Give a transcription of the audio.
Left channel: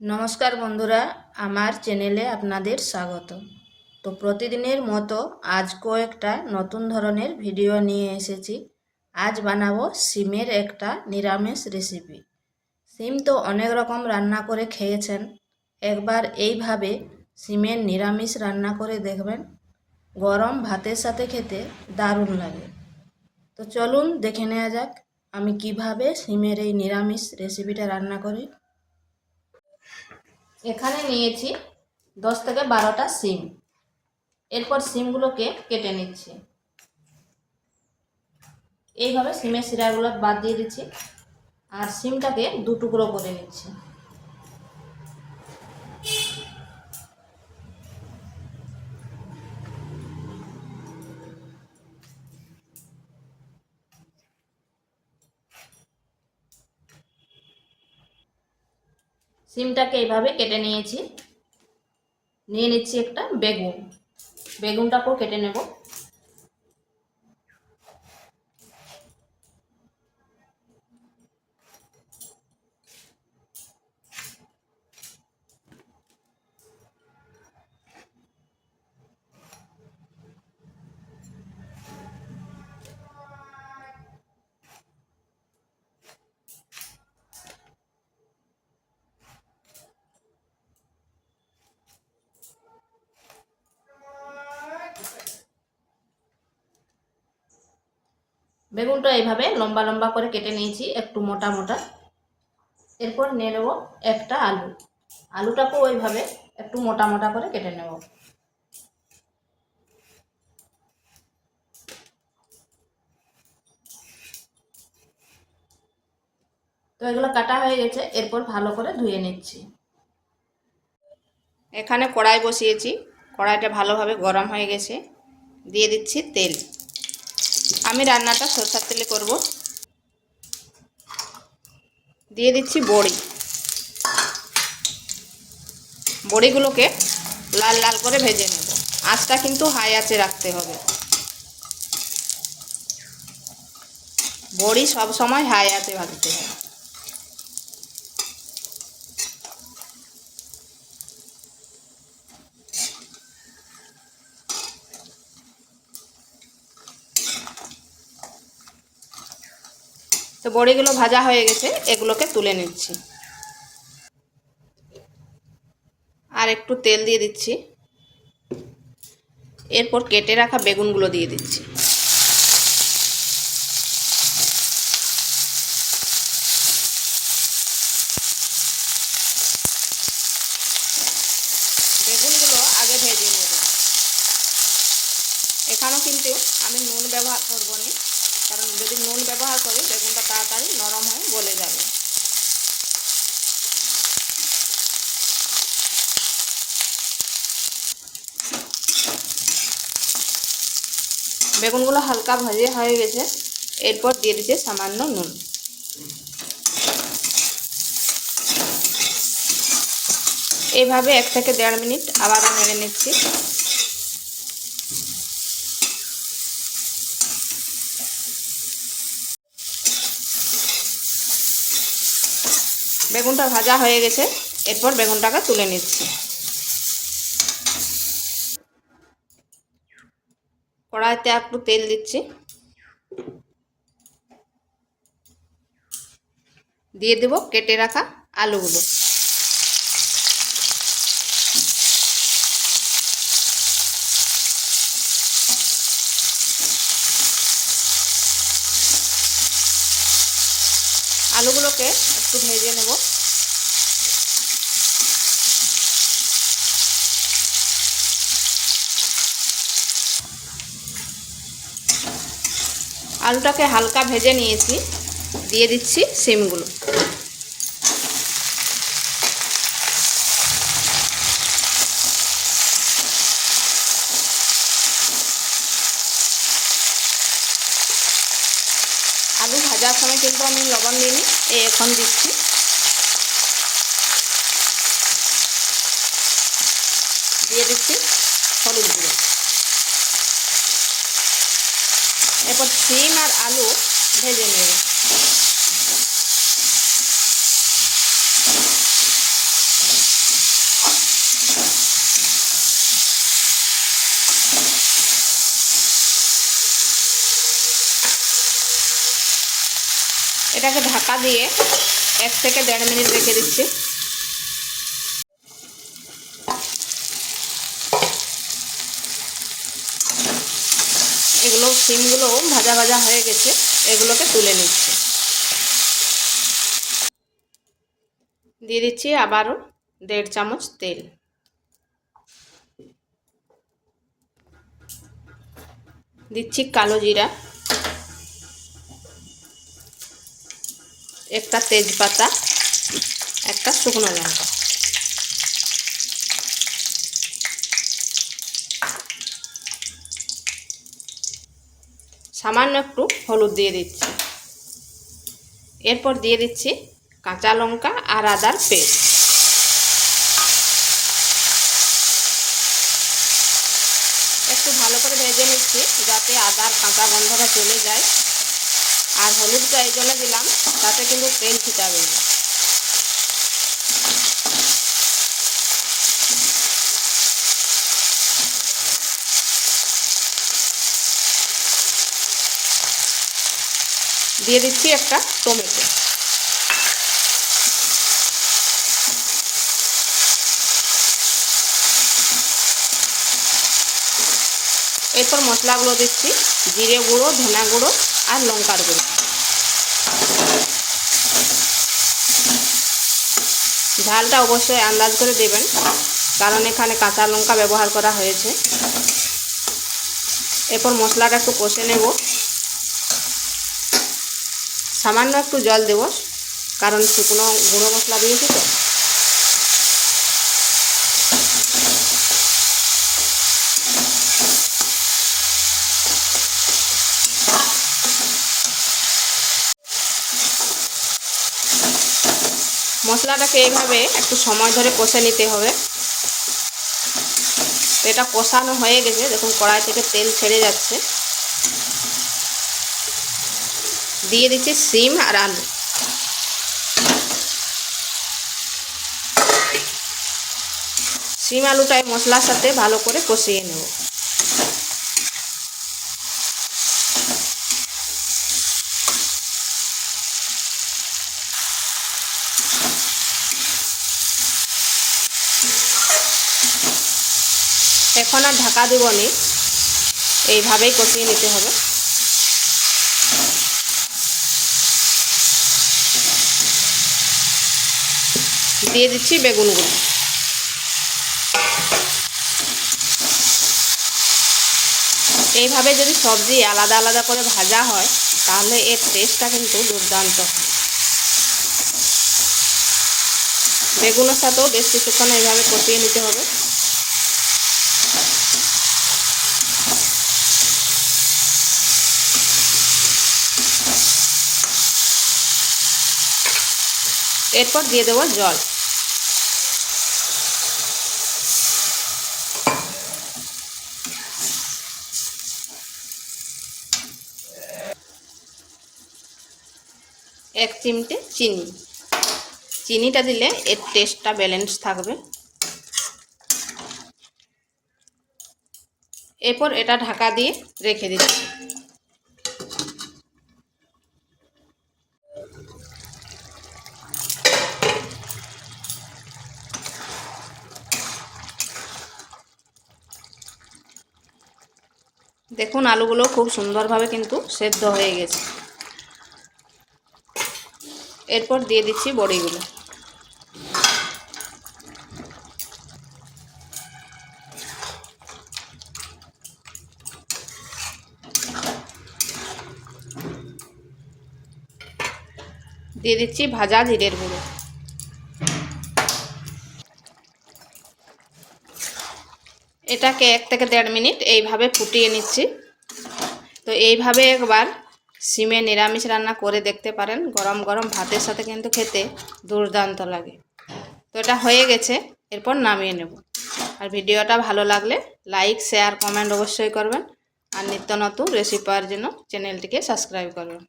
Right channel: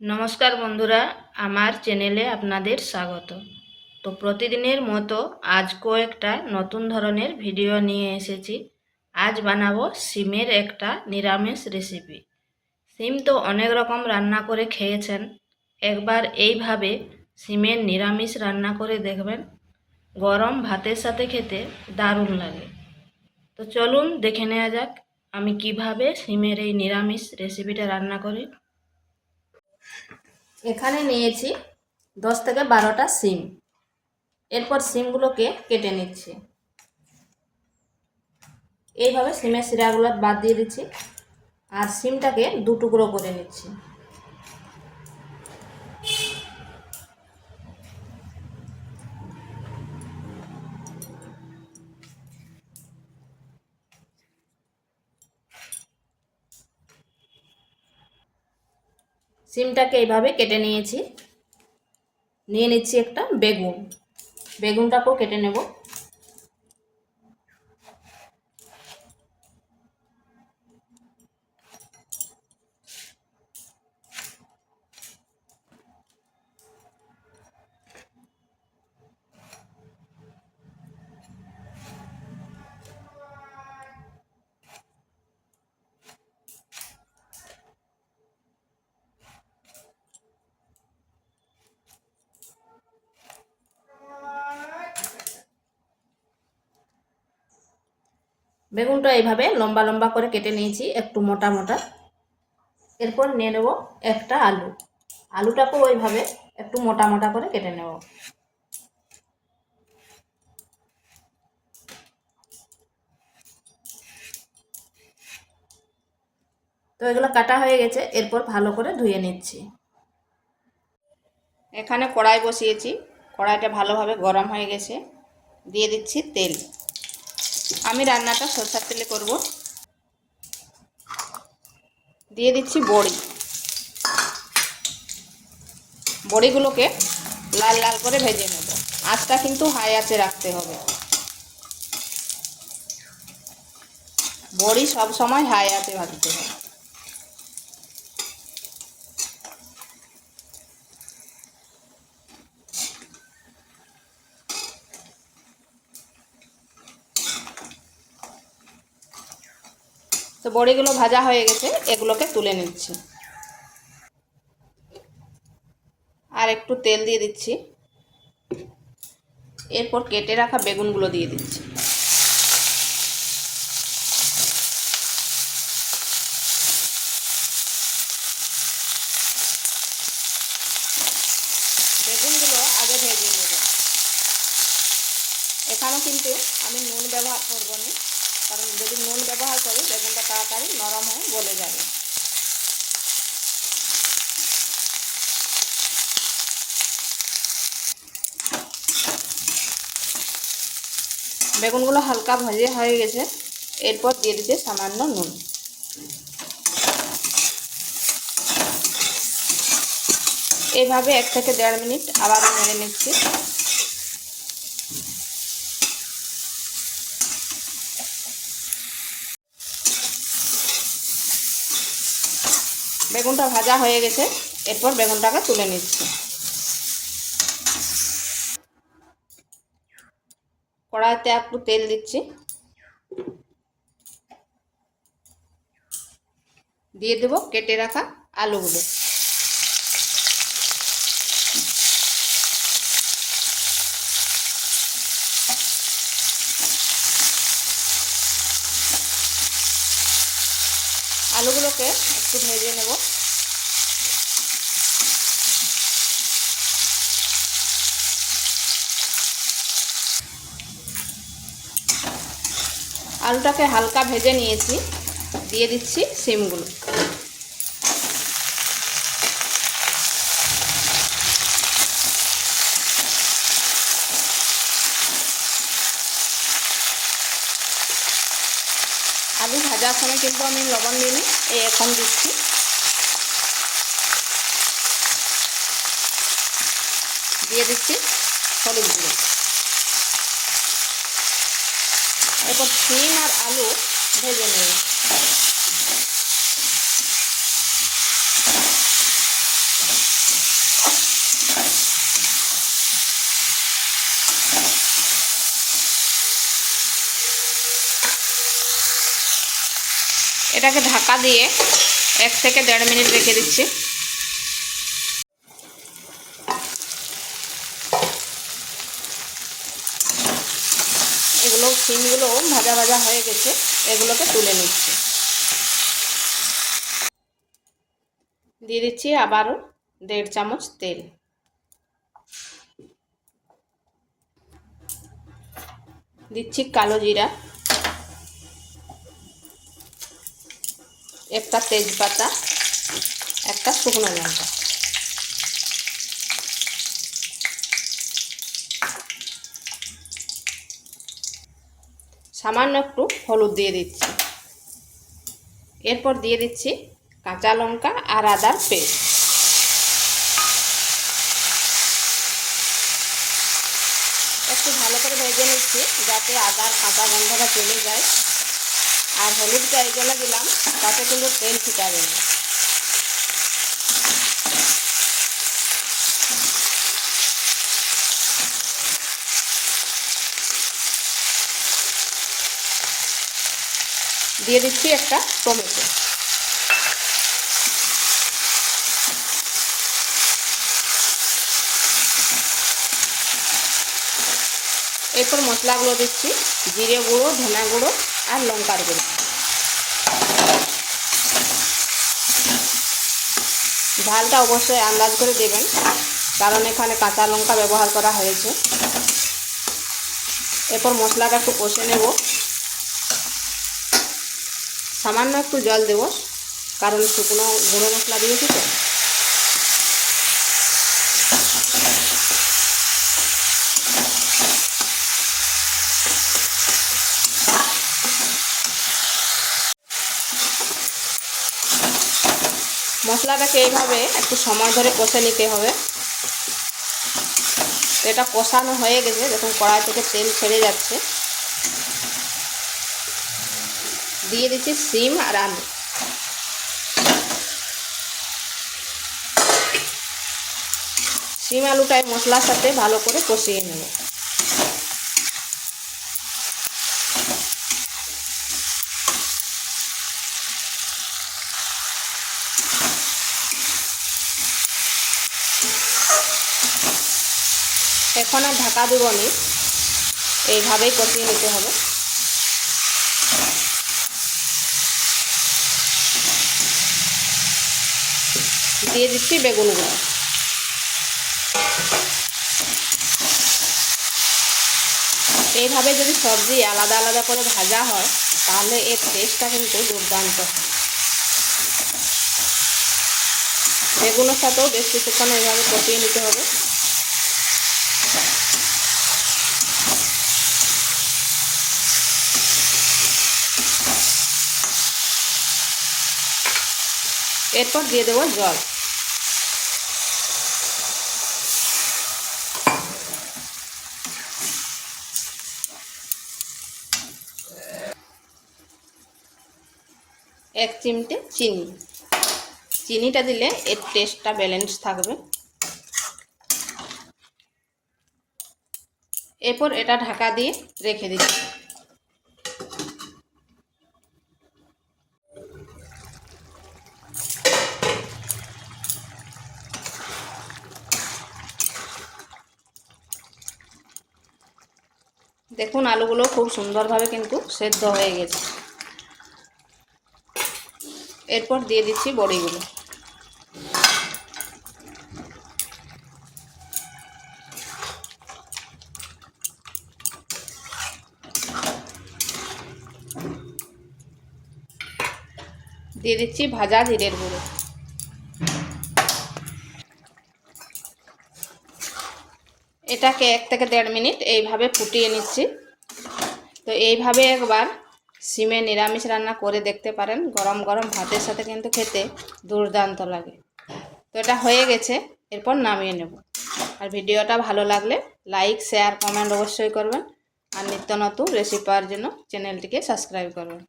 নমস্কার বন্ধুরা, আমার চ্যানেলে আপনাদের স্বাগত। তো প্রতিদিনের মতো আজ কয়েকটা নতুন ধরনের ভিডিও নিয়ে এসেছি। আজ বানাবো সিমের একটা নিরামিষ রেসিপি। সিম তো অনেক রকম রান্না করে খেয়েছেন, একবার এইভাবে সিমের নিরামিষ রান্না করে দেখবেন। গরম ভাতের সাথে খেতে দারুণ লাগে। তো চলুন দেখে নেওয়া যাক আমি কিভাবে সিমের এই নিরামিষ রেসিপিটা রান্না করি। এখানে নিয়েছি 10 থেকে 12টা সিম। এরপর সিমগুলোকে কেটে নিচ্ছি। এইভাবে সিমের শিরাগুলো বাদ দিয়ে দিচ্ছি আর সিমটাকে দু টুকরো করে নিচ্ছি। সিমটাকে এইভাবে কেটে নিয়েছি। নিয়ে নিচ্ছি একটা বেগুন। বেগুনটাকেও কেটে নেব। বেগুনটা এইভাবে লম্বা লম্বা করে কেটে নিয়েছি, একটু মোটা মোটা। এরপর নিয়ে নেব একটা আলু। আলুটাকেও ওইভাবে একটু মোটা মোটা করে কেটে নেব। তো এগুলো কাটা হয়ে গেছে, এরপর ভালো করে ধুয়ে নিচ্ছি। এখানে কড়াই বসিয়েছি, কড়াইটা ভালোভাবে গরম হয়ে গেছে। দিয়ে দিচ্ছি তেল। আমি রান্নাটা সরষের তেলে করব। দিয়ে দিচ্ছি বড়ি। বড়িগুলোকে লাল লাল করে ভেজে নেব। আঁচটা কিন্তু হাই আঁচে রাখতে হবে। বড়ি সব সময় হাই আঁচে ভাজতে হবে। তো বড়িগুলো ভাজা হয়ে গেছে, এগুলোকে তুলে নিচ্ছি। আর একটু তেল দিয়ে দিচ্ছি। এরপর কেটে রাখা বেগুনগুলো দিয়ে দিচ্ছি। বেগুনগুলো আগে ভেজে নেব। এখানেও কিন্তু আমি নুন ব্যবহার করব না, কারণ যদি নুন ব্যবহার করি বেগুনটা তাড়াতাড়ি নরম হয়ে গলে যাবে। বেগুনগুলো হালকা ভাজে হয়ে গেছে, এরপর দিয়ে দিচ্ছি সামান্য নুন। এইভাবে 1 থেকে 1.5 মিনিট আবারও নেড়ে নিচ্ছি। বেগুনটা ভাজা হয়ে গেছে, এরপর বেগুনটাকে তুলে নিচ্ছি। কড়াইতে একটু তেল দিচ্ছি। দিয়ে দেব কেটে রাখা আলুগুলো। আলুগুলোকে একটু ভেজে নেব। আলুটাকে হালকা ভেজে নিয়েছি। দিয়ে দিচ্ছি সিমগুলো। আলু ভাজার সময় কিন্তু আমি লবণ দিইনি, এখন দিচ্ছি। দিয়ে দিচ্ছি হলুদ গুঁড়ো। এরপর সিম আর আলু ভেজে নেব। এটাকে ঢাকা দিয়ে 1 থেকে 1.5 মিনিট রেখে দিচ্ছি। এগুলো সিমগুলো ভাজা ভাজা হয়ে গেছে, এগুলোকে তুলে নিচ্ছি। দিয়ে দিচ্ছি আবারও 1.5 চামচ তেল। দিচ্ছি কালো জিরা, একটা তেজপাতা, একটা শুকনো লঙ্কা, সামান্য একটু হলুদ দিয়ে দিচ্ছি। এরপর দিয়ে দিচ্ছি কাঁচা লঙ্কা আর আদার পেস্ট। একটু ভালো করে ভেজে নিচ্ছি যাতে আদার কাঁচা গন্ধটা চলে যায়। আর হলুদটা এই জন্য দিলাম তাতে কিন্তু তেল ছিটাবে না। দিয়ে দিচ্ছি একটা টমেটো। এরপর মশলাগুলো দিচ্ছি, জিরে গুঁড়ো, ধনা গুঁড়ো আর লঙ্কার গুঁড়ো। ঝালটা অবশ্যই আন্দাজ করে দেবেন, কারণ এখানে কাঁচা লঙ্কা ব্যবহার করা হয়েছে। এরপর মশলাটা একটু কষে নেব। সামান্য একটু জল দেব, কারণ শুকনো গুঁড়ো মশলা দিয়েছি তো। মশলাটাকে এইভাবে একটু সময় ধরে কষে নিতে হবে। এটা কষানো হয়ে গেছে, দেখুন কড়াই থেকে তেল ছেড়ে যাচ্ছে। দিয়ে দিচ্ছি সিম আর আলু। সিম আলুটাই মশলার সাথে ভালো করে কষিয়ে নেব। এখন আর ঢাকা দেব না, এইভাবেই কষিয়ে নিতে হবে। দিয়ে দিচ্ছি বেগুনগুলো। এইভাবে যদি সবজি আলাদা আলাদা করে ভাজা হয় তাহলে এর টেস্টটা কিন্তু দুর্দান্ত হয়। বেগুনের সাথেও বেশ কিছুক্ষণ এইভাবে কষিয়ে নিতে হবে। এরপর দিয়ে দেবো জল। এক চিমটে চিনি। চিনিটা দিলে এর টেস্টটা ব্যালেন্স থাকবে। এরপর এটা ঢাকা দিয়ে রেখে দিচ্ছি। দেখুন আলুগুলো খুব সুন্দরভাবে কিন্তু সেদ্ধ হয়ে গেছে। এরপর দিয়ে দিচ্ছি বড়িগুলো। দিয়ে দিচ্ছি ভাজা জিরের গুঁড়ো। এটাকে 1 থেকে 1.5 মিনিট এইভাবে ফুটিয়ে নিচ্ছি। তো এইভাবে একবার সিমে নিরামিষ রান্না করে দেখতে পারেন, গরম গরম ভাতের সাথে কিন্তু খেতে দুর্দান্ত লাগে। তো এটা হয়ে গেছে, এরপর নামিয়ে নেব। আর ভিডিওটা ভালো লাগলে লাইক, শেয়ার, কমেন্ট অবশ্যই করবেন। আর নিত্য নতুন রেসিপি পাওয়ার জন্য চ্যানেলটিকে সাবস্ক্রাইব করবেন।